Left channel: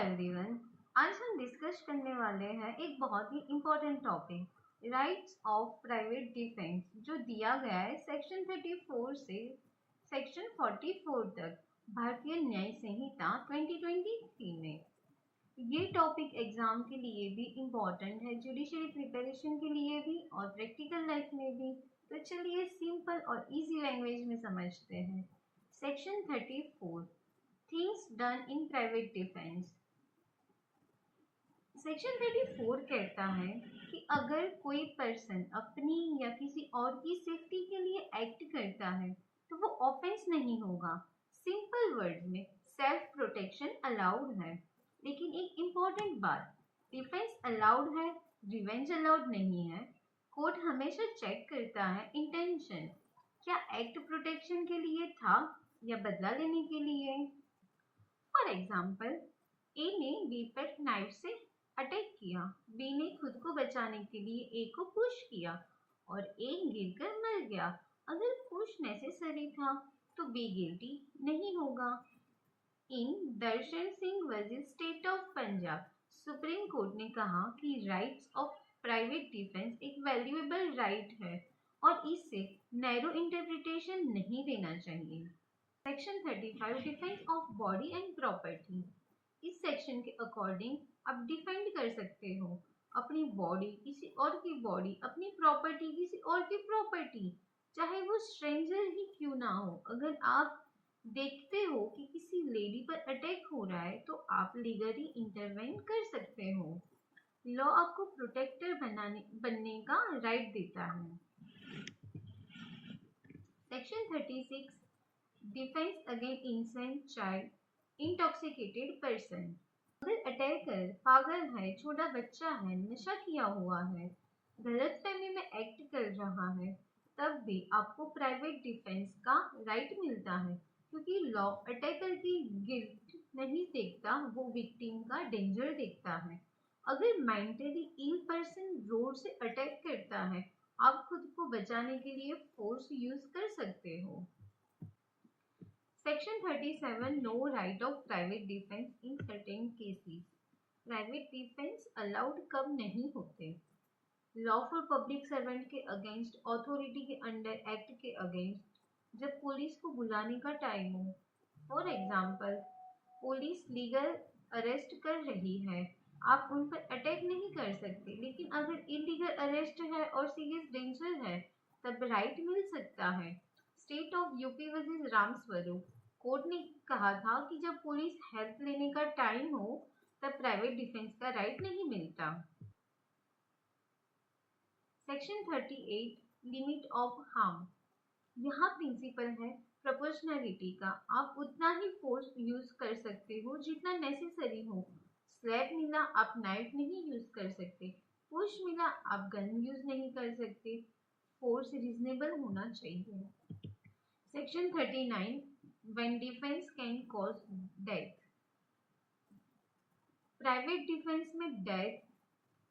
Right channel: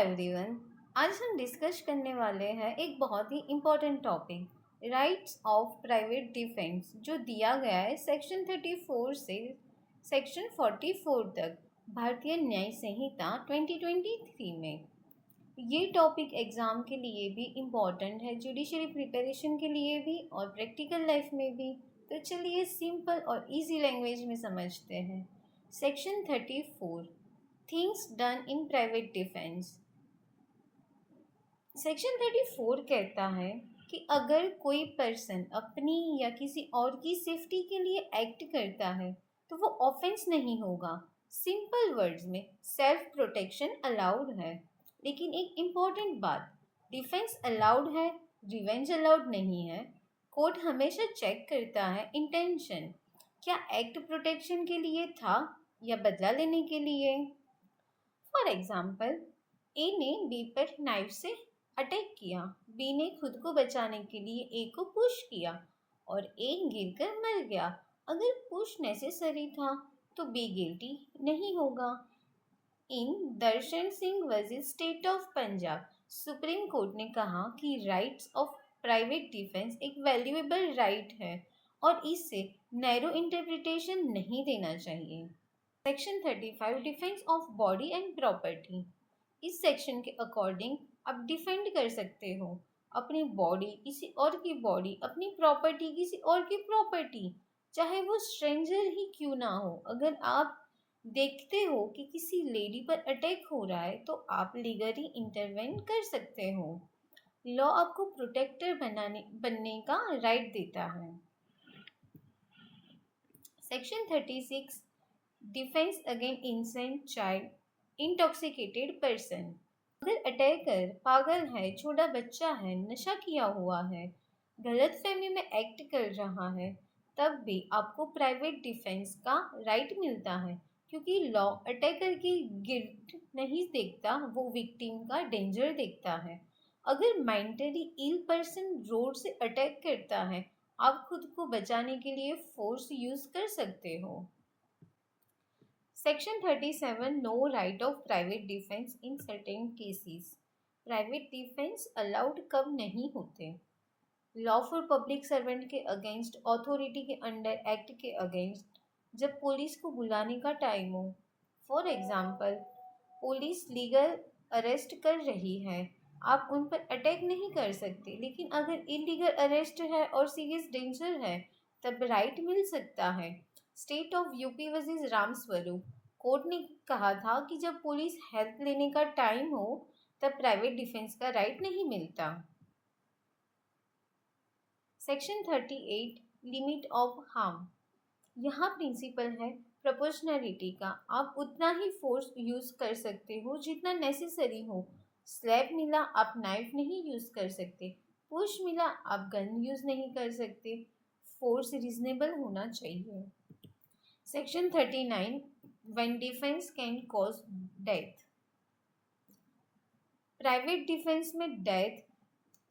Everyone. आज हम discuss करने वाले हैं एक बहुत ही important topic, rights of private defence, जो दिया गया है सेक्शन 34 से सेक्शन 44 तक भारतीय न्याय संहिता 2023 में। ये टॉपिक एग्ज़ाम के लिए भी इम्पॉर्टेंट है, जुडिशरी प्रिपरेशन के लिए भी और प्रैक्टिकल लाइफ में भी। तो चलिए सिंपल और इजी लैंग्वेज में समझते हैं। Section 34, things done in private defence. Section 34 कहता है कि अगर कोई पर्सन अपनी या किसी और की सेफ्टी के लिए एक्ट करता है तो वो ऑफेंस नहीं होगा। सिंपल वर्ड्स में सेल्फ प्रोटेक्शन अलाउड है, लेकिन एक इम्पॉर्टेंट बात, डिफेंस अलाउड है, रिवेंज अलाउड नहीं है। कोर्ट हमेशा चेक करता है इंटेंशन, क्या एक्ट प्रोटेक्शन के लिए था या बदला लेने के लिए। फॉर एग्जाम्पल, ए ने बी पर नाइफ से अटैक किया, बी ने खुद को बचाने के लिए ए को पुश किया और ए गिरकर मर गया। अगर पुश नेसेसरी था तो बी गिल्टी नहीं होगा। In Darshan Singh versus State of Punjab, Supreme Court ने कहा कि राइट्स ऑफ प्राइवेट डिफेंस एक वैल्यूएबल राइट है और इससे नैरो इंटरप्रिटेशन नहीं देना चाहिए। Section 35, defence of body and property. इस सेक्शन के अकॉर्डिंग आप डिफेंड कर सकते हो अपनी बॉडी, किसी और की बॉडी, अपनी प्रॉपर्टी, किसी और की प्रॉपर्टी, चाहे वो स्ट्रेंजर ही क्यों ना हो। अगर आप देखते हो कि किसी लेडी पर अटैक हो रहा है तो आप लीगली इंटरवेन कर सकते हो। लॉ आपको प्रोटेक्टर बनने का राइट देता है। Section 36, defence against insane child intoxicated person. अगर अटैकर पागल है, छोटा बच्चा है, नशा किया हुआ है, गलत फहमी में एक्ट कर रहा है, तब भी आपको प्राइवेट डिफेंस का राइट मिलता है, क्योंकि लॉ अटैकर की गिल्ट नहीं देखता, वो विक्टिम का डेंजर देखता है। अगर मेंटली इल पर्सन रोड से अटैक करता है, आप खुद को बचाने के लिए फोर्स यूज कर सकते हो। Section 37, no right of private defence in certain cases. Private defence allowed कब नहीं होते? लॉ फॉर पब्लिक सर्वेंट के अगेंस्ट, अथॉरिटी के अंडर एक्ट के अगेंस्ट, जब पुलिस को बुलाने का टाइम हो। For example, police legal arrest कर रही है, आप उन पर अटैक नहीं कर सकते, लेकिन अगर इलीगल अरेस्ट है और सीरियस डेंजर है तब राइट मिल सकता है। State of UP versus Ram Swaroop, court ने कहा था कि जब पुलिस हेल्प लेने का टाइम हो तब प्राइवेट डिफेंस का राइट नहीं मिलता। Section 38, limit of harm. यहाँ प्रिंसिपल है प्रोपोर्शनैलिटी का, आप उतना ही फोर्स यूज कर सकते हो जितना नेसेसरी हो। स्लैप मिला, आप नाइफ नहीं यूज कर सकते, पुश मिला, आप गन यूज नहीं कर सकते। फोर्स रीजनेबल होना चाहिए। Section 39, when defence can cause death. Private defence में डेथ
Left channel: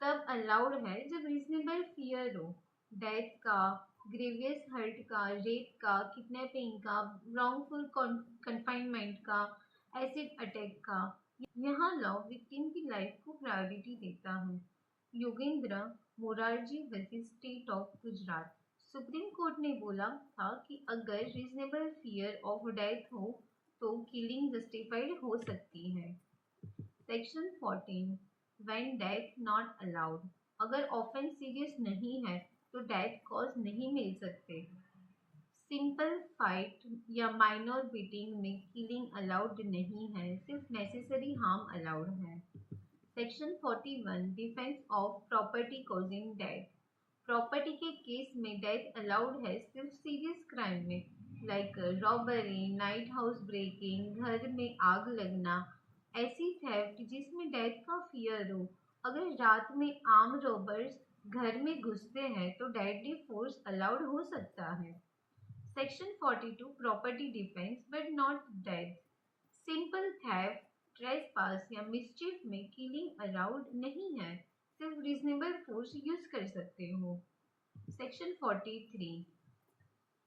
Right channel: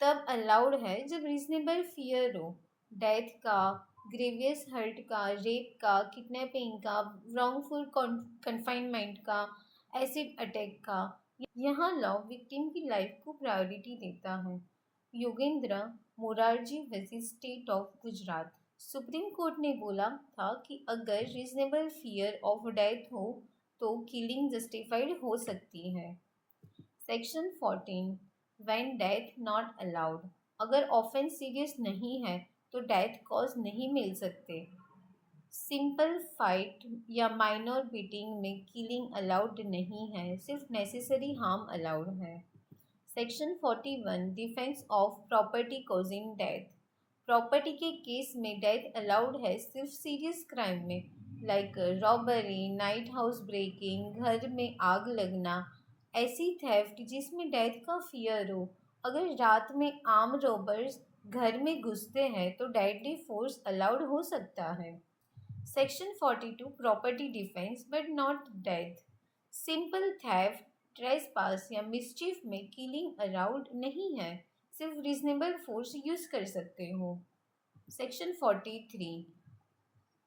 तब अलाउड है जब रीजनेबल फियर हो, डेथ का, ग्रेवियस हर्ट का, रेप का, किडनैपिंग का, रॉन्गफुल कन्फाइनमेंट का, एसिड अटैक का। यहाँ लॉ विक्टिम की लाइफ को प्रायोरिटी देता है। Yogendra Morarji versus State of Gujarat, supreme Court ने बोला था कि अगर रीजनेबल फियर ऑफ डेथ हो तो किलिंग जस्टिफाइड हो सकती है। Section 14, when death not allowed. अगर ऑफेंस सीरियस नहीं है तो डेथ कॉज नहीं मिल सकते। सिंपल फाइट या माइनर बीटिंग में किलिंग अलाउड नहीं है, सिर्फ नेसेसरी हार्म अलाउड है। Section 41, defence of property causing death. Property के केस में डेथ अलाउड है सिर्फ सीरियस क्राइम में, like robbery, night house breaking, घर में आग लगना, ऐसी थेफ्ट जिसमें डेथ का फियर हो। अगर रात में आर्म रॉबर्स घर में घुसते हैं तो डेडली फोर्स अलाउड हो सकता है। Section 42, property defence but not death. Simple theft, trespass या मिसचीफ में किलिंग अलाउड नहीं है, सिर्फ रीजनेबल फोर्स यूज कर सकते हो। Section 43,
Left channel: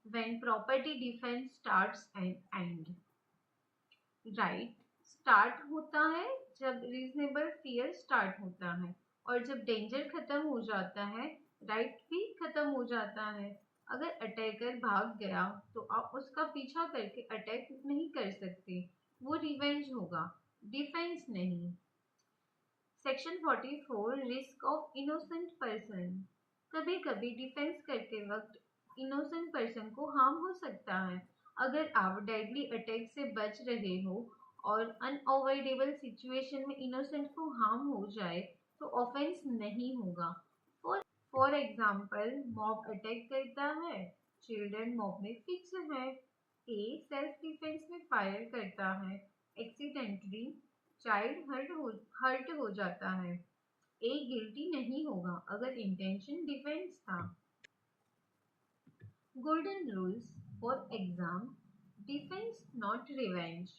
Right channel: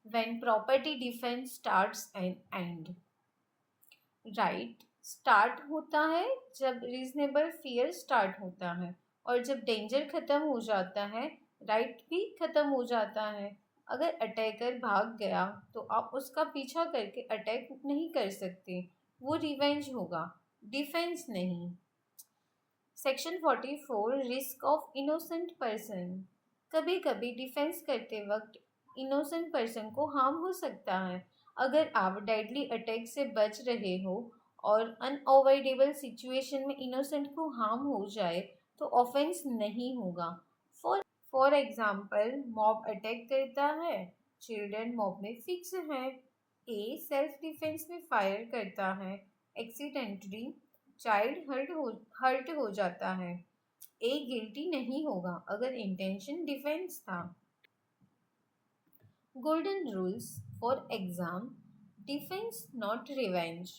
when property defence starts and and. Right start होता है जब रीजनेबल फियर स्टार्ट होता है, और जब डेंजर ख़त्म हो जाता है राइट भी ख़त्म हो जाता है। अगर अटैकर भाग गया तो आप उसका पीछा करके अटैक नहीं कर सकते, वो रिवेंज होगा, डिफेंस नहीं। Section 44, risk of innocent person. कभी कभी डिफेंस करते वक्त इनोसेंट पर्सन को हार्म हो सकता है। अगर आप डेडली अटैक से बच रहे हो और अनअवॉइडेबल सिचुएशन में इनोसेंट को हार्म हो जाए तो ऑफेंस नहीं होगा। फॉर एग्जाम्पल, मॉब अटैक करता है, चिल्ड्रन मॉब में फिक्स है, ए सेल्फ डिफेंस में फायर करता है, एक्सीडेंटली चाइल्ड हर्ट हो जाता है, ए गिल्टी नहीं होगा अगर इंटेंशन डिफेंस था। Golden rules for exam: defence not revenge,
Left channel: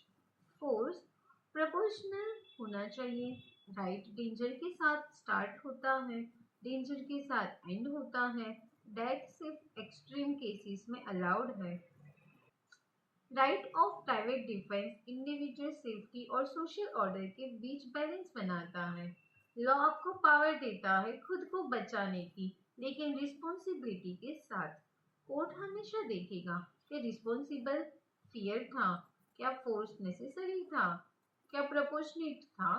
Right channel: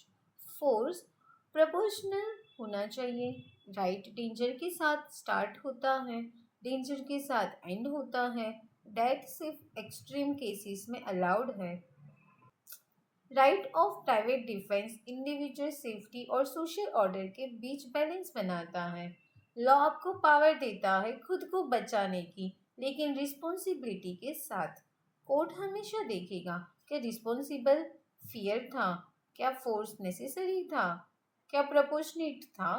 force proportional होना चाहिए, राइट डेंजर के साथ स्टार्ट होता है, डेंजर के साथ एंड होता है, डेथ सिर्फ एक्सट्रीम केसेस में अलाउड है। Right of private defence individual safety और सोशल ऑर्डर के बीच बैलेंस बनाता है। लॉ आपको पावर देता है खुद को बचाने की, लेकिन रिस्पॉन्सिबिलिटी के साथ। कोर्ट हमेशा देखेगा कि रिस्पॉन्सिबल फियर था, क्या फोर्स नेसेसरी था, क्या प्रोपोर्शनेट था।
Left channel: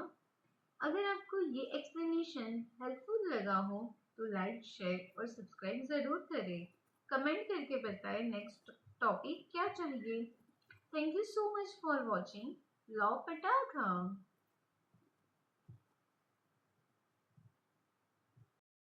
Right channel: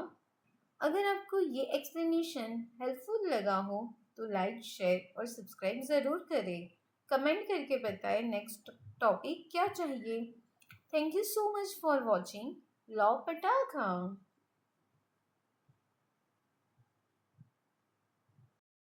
अगर आपको ये एक्सप्लेनेशन हेल्पफुल लगा हो तो लाइक, शेयर और सब्सक्राइब ज़रूर करें। कमेंट करके बताएं नेक्स्ट टॉपिक क्या चाहिए। Thank you so much for watching Law Pataka.